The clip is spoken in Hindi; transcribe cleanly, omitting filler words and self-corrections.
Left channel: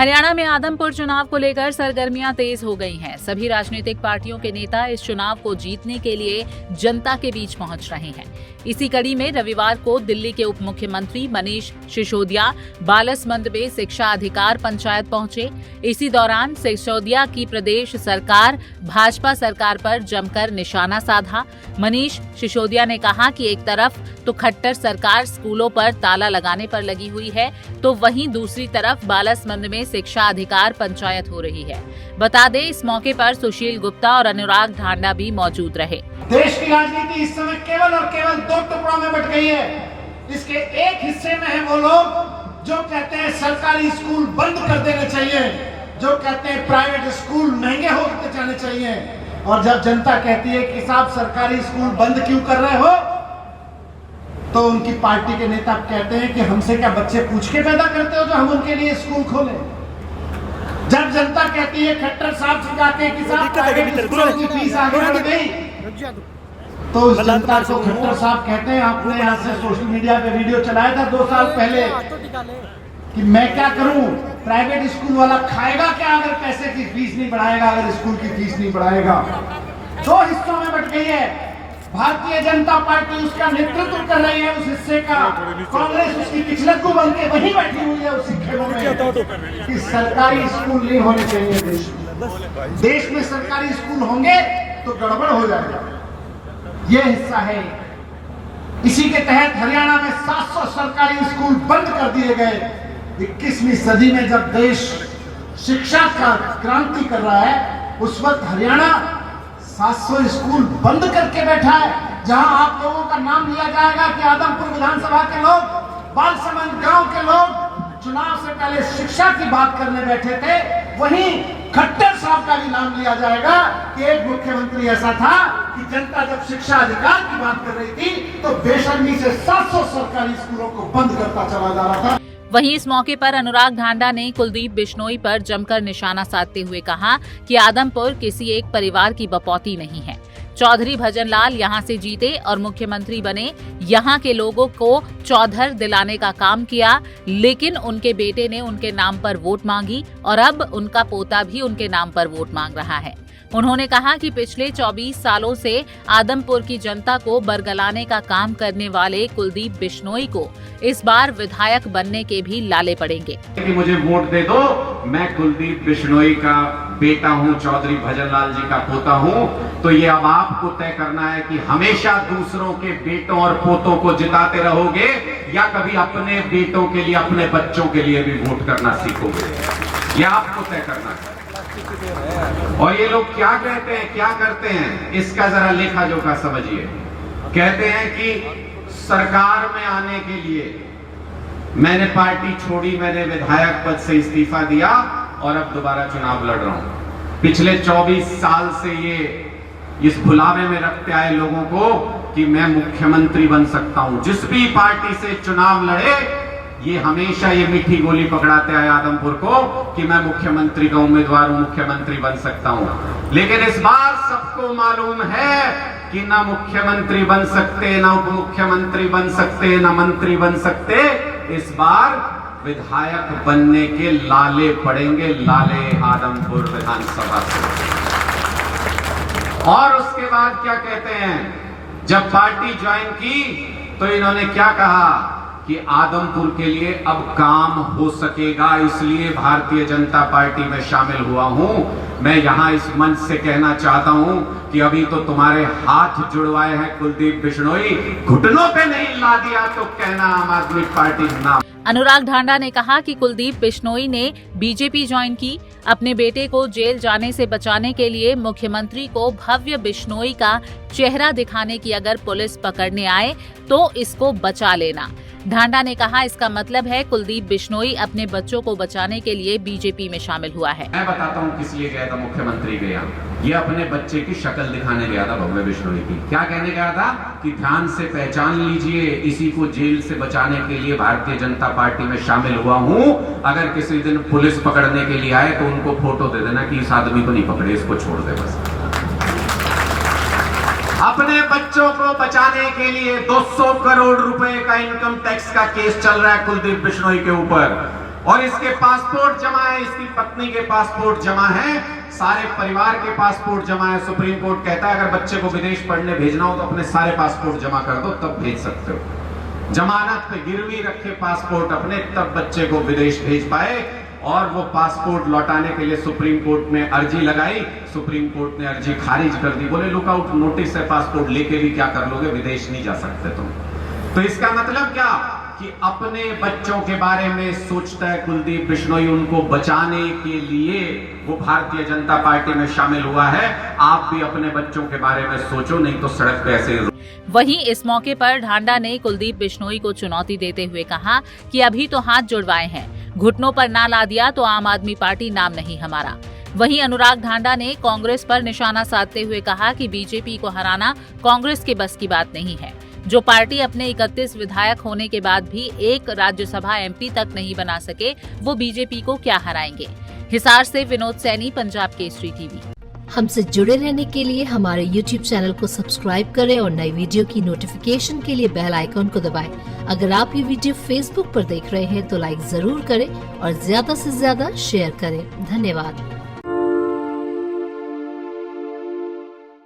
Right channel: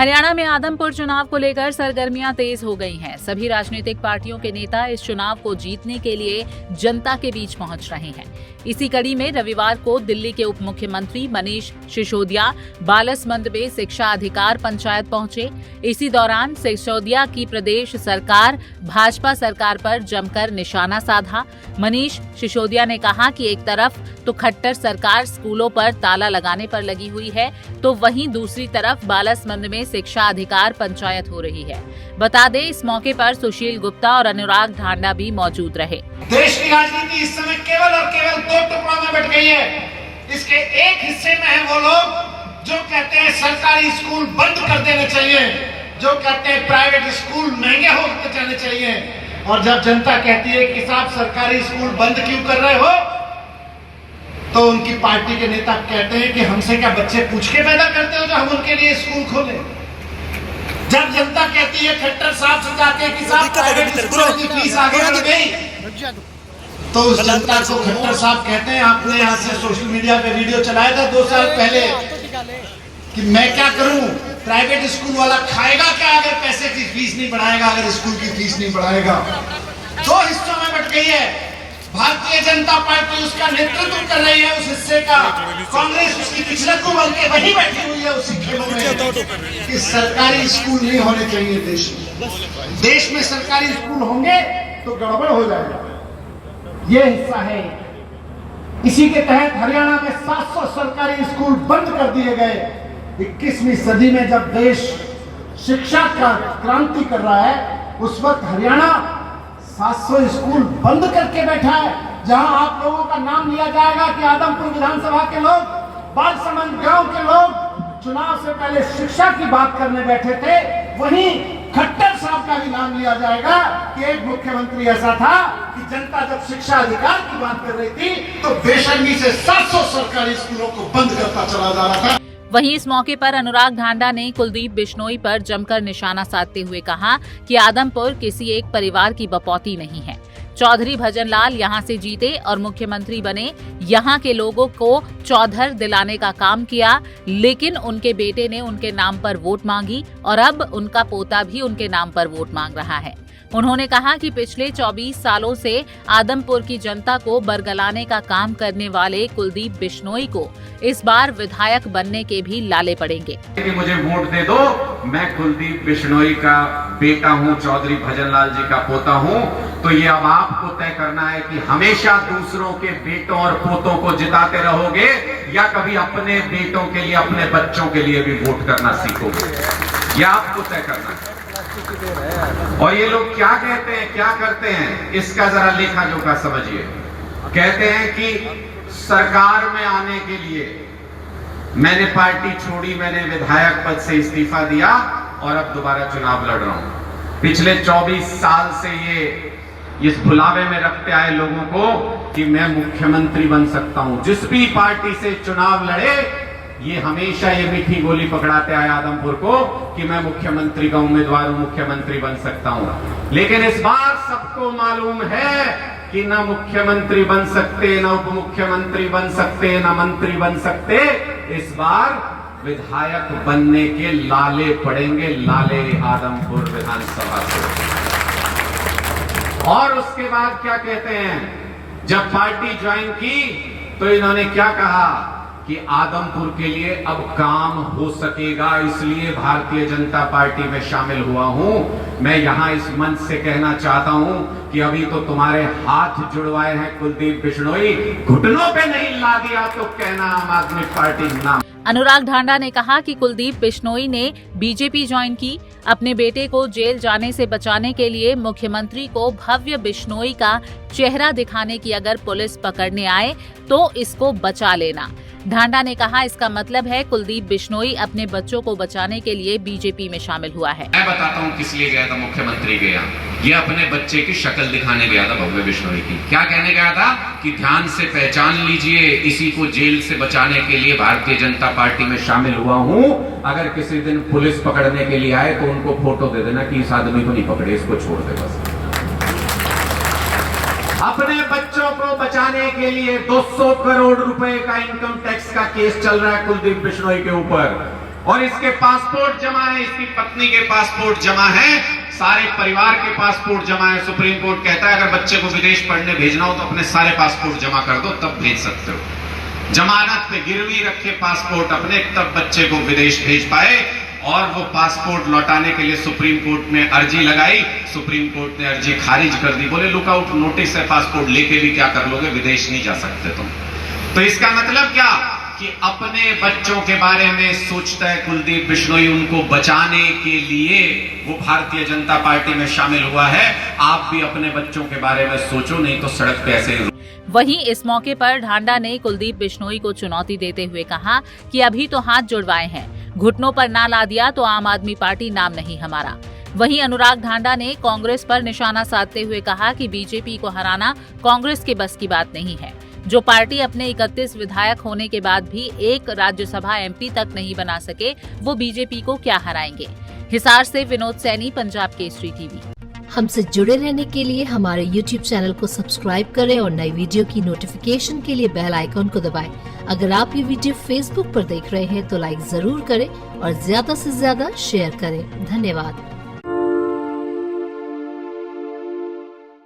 हरियाणा में आदमपुर चुनाव को लेकर सरगर्मियां तेज हो गई हैं। सभी राजनीतिक पार्टियों के नेता इस चुनाव को जीतने के लिए जनता के बीच पहुंच रहे हैं। इसी कड़ी में रविवार को दिल्ली के उप मुख्यमंत्री मनीष सिसोदिया बालसमंद में शिक्षा अधिकार पंचायत पहुंचे। इसी दौरान सिसोदिया की प्रदेश सरकार भाजपा सरकार पर जमकर निशाना साधा। मनीष सिसोदिया ने कहा कि एक तरफ तो खट्टर सरकार स्कूलों पर ताला लगाने पर लगी हुई है, तो वहीं दूसरी तरफ बालसमंद में शिक्षा अधिकार पंचायत हो रही है। बता दें, इस मौके पर सुशील गुप्ता और अनुराग ढांडा भी मौजूद रहे। देश की राजनीति इस समय केवल और केवल दो टुकड़ों में बट गई है। इसके एक हिस्से में है वो लोग जो कहते हैं सरकारी स्कूल बंद कर देने चाहिए, जो कहते हैं प्राइवेट स्कूल महंगे होते जाने चाहिए, और जब जनता कहती है कि साहब सरकारी स्कूल बंद क्यों कर रहे हो, तो उनकी पार्टी के नेता कहते हैं कि हमसे क्या बच्चे पूछ के पैदा करते हो जो हम उनके लिए स्कूल खोले। जब जनता कहती है खट्टर साहब से जाके कि साहब प्राइवेट स्कूलों की फीस आगे बढ़ गई, तो उस जनता को खट्टर साहब कहते हैं, आपने यहाँ से सोशल मीडिया पे वीडियो चलाया था 2 साल पहले कि मैं क्या करूं, प्राइवेट स्कूल वाला खाएगा क्या अगर पैसे की फीस नहीं बढ़ाएगा, अगर स्कूल की फीस नहीं बढ़ाएगा। 2 हिस्सों में बट गई है। भारतीय जनता पार्टी उसका नेतृत्व कर रही है, उस हिस्से का। कांग्रेस उसकी पिछलग्गू बन के वहीं बैठी हुई है उसी खेलों में कि सरकारी स्कूल नहीं होने चाहिए देश में। देश में सरकारी स्कूल होंगे तो गड़बड़ हो जाएगा। ये हिस्सा है। इसी के तहत हरियाणा में 700 सरकारी स्कूल बंद कर दिए गए। 21वीं सदी में जब देश शिक्षा का क्रांति कर रहा है, उस वक्त हरियाणा 700 स्कूल बंद करके बैठा है। जहां आप लोगों का नाम लिया जाएगा कि आदमपुर विधानसभा के लोग, बालसमंद गांव के लोग चुनाव से पहले शिक्षा की बात करने बैठे थे, वहीं खट्टर साहब का भी नाम लिया जाएगा कि एक मुख्यमंत्री ऐसा था कि जनता जब शिक्षा अधिकार की बात कर रही थी तो बेशर्मी से 700 सरकारी स्कूलों को बंद करता चला जा रहा था। वहीं इस मौके पर अनुराग ढांडा ने कुलदीप बिश्नोई पर जमकर निशाना साधते हुए कहा कि आदमपुर किसी एक परिवार की बपौती नहीं है। चौधरी भजनलाल यहां से जीते और मुख्यमंत्री बने, यहां के लोगों को चौधर दिलाने का काम किया, लेकिन उनके बेटे ने उनके नाम पर वोट मांगी और अब उनका पोता भी उनके नाम पर वोट मांग रहा है। उन्होंने कहा कि पिछले 24 सालों से आदमपुर की जनता को बरगलाने का काम करने वाले कुलदीप बिश्नोई को इस बार विधायक बनने के भी लाले पड़ेंगे। कि मुझे वोट दे दो, मैं कुलदीप बिश्नोई का बेटा हूं, चौधरी भजनलाल जी का पोता हूं, तो ये अब आपको तय करना है कि हमेशा दूसरों के बेटों और पोतों को जिताते रहोगे या कभी अपने बेटों के लिए, अपने बच्चों के लिए भी वोट करना सीखोगे। ये आपको तय करना है। और ये लोग क्या कहते हैं, क्या करते हैं, इसका जरा लेखा जोखा समझिए। कहते हैं कि सरकार में आने के लिए मैंने पार्टी छोड़ी, मैंने विधायक पद से इस्तीफा दिया और अब दोबारा चुनाव लड़ रहा हूं। पिछले 24 साल से ये इस भुलावे में रखते आए लोगों को कि मैं मुख्यमंत्री बन सकता हूं। जिस भी पार्टी से चुनाव लड़े, ये हमेशा ये मीठी गोली पकड़ाते आए आदमपुर को कि मैं मुख्यमंत्री का उम्मीदवार हूं, मुख्यमंत्री बन सकता हूं। लेकिन इस बार सबको मालूम है कि ना मुख्यमंत्री बन सकते, ना उप मुख्यमंत्री बन सकते, ना मंत्री बन सकते। इस बार विधायक बनने के लाले पड़ेंगे, लाले आदमपुर विधानसभा से। और उसके बाद क्या कहते हैं, जब पार्टी ज्वाइन की तो इन्होंने क्या कहा कि आदमपुर के लिए अब काम हो सकेगा, इसलिए भारतीय जनता पार्टी में शामिल हुआ हूं। मैं यहां इस मंच से कहना चाहता हूं कि अभी तो तुम्हारे हाथ जुड़वाए हैं कुलदीप बिश्नोई, घुटनों पे नहीं ला दिया तो कहना आम आदमी पार्टी ना। अनुराग ढांडा ने कहा कि कुलदीप बिश्नोई ने बीजेपी ज्वाइन की। अपने बेटे को जेल जाने से बचाने के लिए मुख्यमंत्री को भव्य बिश्नोई का चेहरा दिखाने की अगर पुलिस पकड़ने आए तो इसको बचा लेना। ढांडा ने कहा इसका मतलब है कुलदीप बिश्नोई अपने बच्चों को बचाने के लिए बीजेपी में शामिल हुआ है। मैं बताता हूँ किस लिए गया था मुख्यमंत्री गया। ये अपने बच्चे की शक्ल दिखाने गया था भव्य बिश्नोई की। क्या कहने गया था कि ध्यान से पहचान लीजिए, इसी को जेल से बचाने के लिए भारतीय जनता पार्टी में शामिल हुआ हूँ। अगर किसी दिन पुलिस पकड़ने के लिए आए तो उनको फोटो दे देना कि इस आदमी को नहीं पकड़े, इसको छोड़ देगा। अपने बच्चों को बचाने के लिए 200 करोड़ रुपए का इनकम टैक्स का केस चल रहा है कुलदीप बिश्नोई के ऊपर। और इसके पासपोर्ट जमा है, इसकी पत्नी के पासपोर्ट जमा है, सारे परिवार के पासपोर्ट जमा है। सुप्रीम कोर्ट कहता है अगर बच्चे को विदेश पढ़ने भेजना हो तो अपने सारे पासपोर्ट जमा कर दो, तब भेज सकते हो। जमानत पे गिरवी रखे पासपोर्ट अपने, तब बच्चे को विदेश भेज पाए। और वो पासपोर्ट लौटाने के लिए सुप्रीम कोर्ट में अर्जी लगाई, सुप्रीम कोर्ट ने अर्जी खारिज कर दी। बोले लुकआउट नोटिस है, पासपोर्ट लेके भी क्या कर लोगे, विदेश नहीं जा सकते तुम। तो इसका मतलब क्या कि अपने बच्चों के बारे में सोचता है कुलदीप बिश्नोई, उनको बचाने के लिए वो भारतीय जनता पार्टी में शामिल हुआ है। आप भी अपने बच्चों के बारे में सोचो, नहीं तो सड़क पे ऐसे। वहीं इस मौके पर ढांडा ने कुलदीप बिश्नोई को चुनौती देते हुए कहा कि अभी तो हाथ जुड़वाए हैं, घुटनों पर ना ला दिया तो आम आदमी पार्टी नाम नहीं हमारा। वहीं अनुराग ढांडा ने कांग्रेस पर निशाना साधते हुए कहा कि बीजेपी को हराना कांग्रेस के बस की बात नहीं है। जो पार्टी अपने 31 विधायक होने के बाद भी एक राज्यसभा एमपी तक नहीं बना सके, वो बीजेपी को क्या हराएंगे। हिसार से विनोद सैनी, पंजाब केसरी टीवी। हमसे जुड़े रहने के लिए हमारे YouTube चैनल को सब्सक्राइब करें और नई वीडियो की नोटिफिकेशन के लिए बेल आइकॉन को दबाएं। अगर आप ये वीडियो Facebook पर देख रहे हैं तो लाइक जरूर करें और ज्यादा से ज्यादा शेयर करें। धन्यवाद।